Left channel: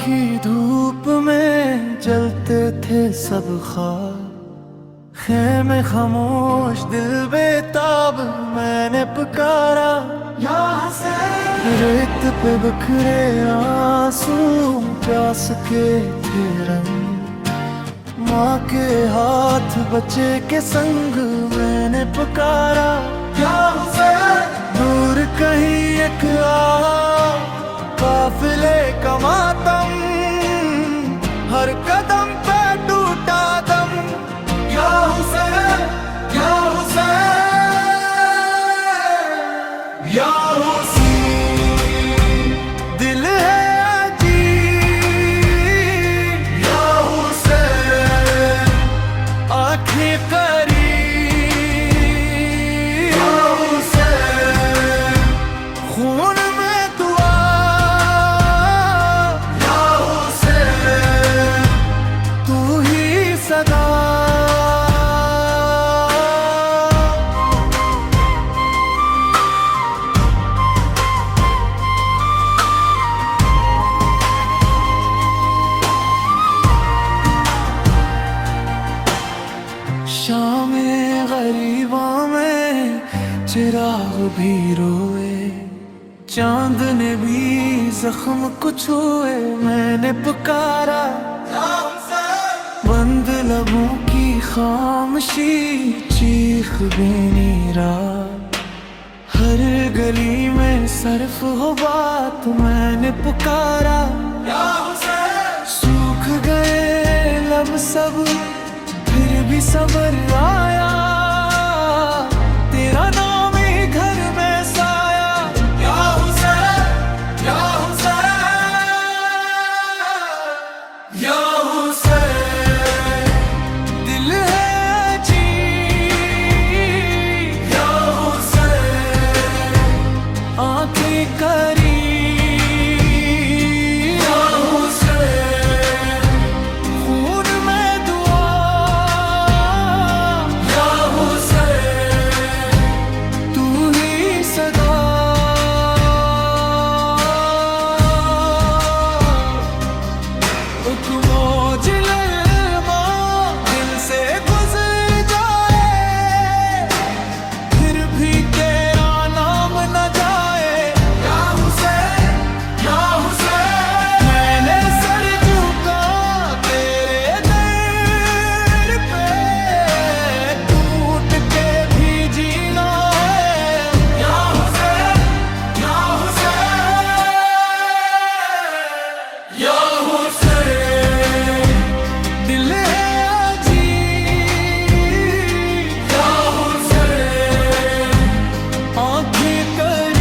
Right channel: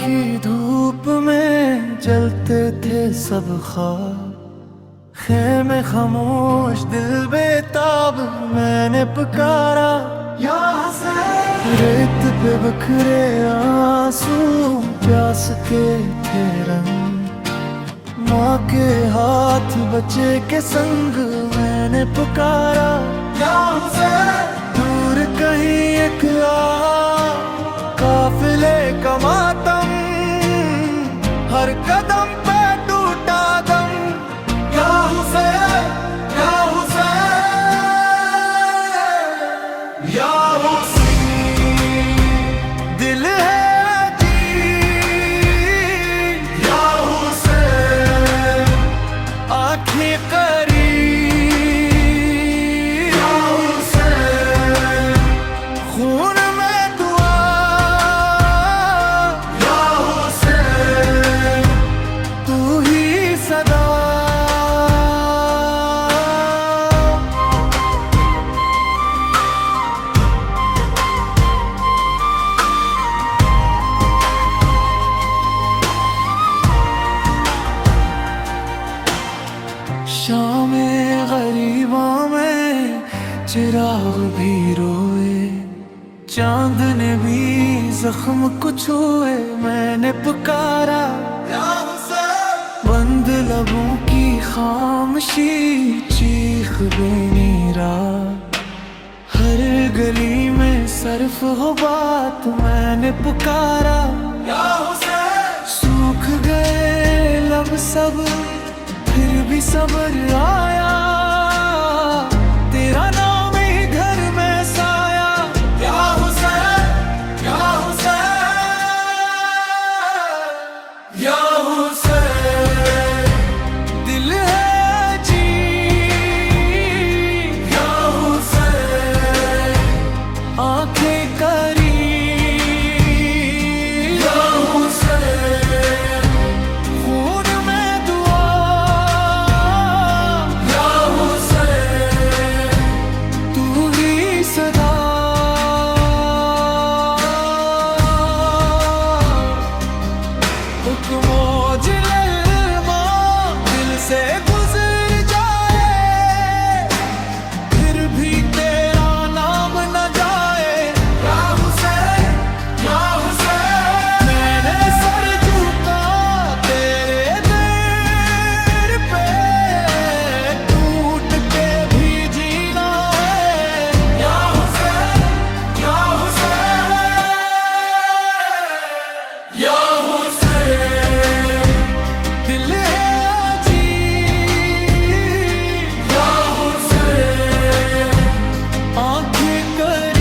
की धूप में जलते थे सब ख्वाब, खेमे खामोश दिल बेताब मैंने पुकारा या हुसैन। रेत पे बखरे आंसू प्यास के थे रंग, माँ के हाथ बच्चे के संग मैंने पुकारा या हुसैन। दूर कहीं एक काफिले का मातम, हर कदम पे टूटा दम या हुसैन या हुसैन या हुसैन। दिल है अजीब या हुसैन, आँखें करीब या हुसैन। खून में दुआ या हुसैन, तू ही सदा। शामे गरीबा में चिराग भी रोए, चांद ने भी जख्म को छुए मैंने पुकारा या हुसैन। बंद लबों की खामोशी चीख बेनी रात, हर गली में सरफ हो बात मैंने पुकारा या हुसैन। सूख गए लब सब फिर भी सबर आया, तेरा नाम ही घर में साया या हुसैन या हुसैन या हुसैन। दिल है अजीब या हुसैन, आंखें करीब या हुसैन। खून में सदा। एक मौज ललमा दिल से गुजर जाए, फिर भी तेरा नाम न जाए या हुसैन या हुसैन। मैंने सर झुका तेरे दर पे, टूट के भी जीना दिल है अजीब या हुसैन, आंखें कर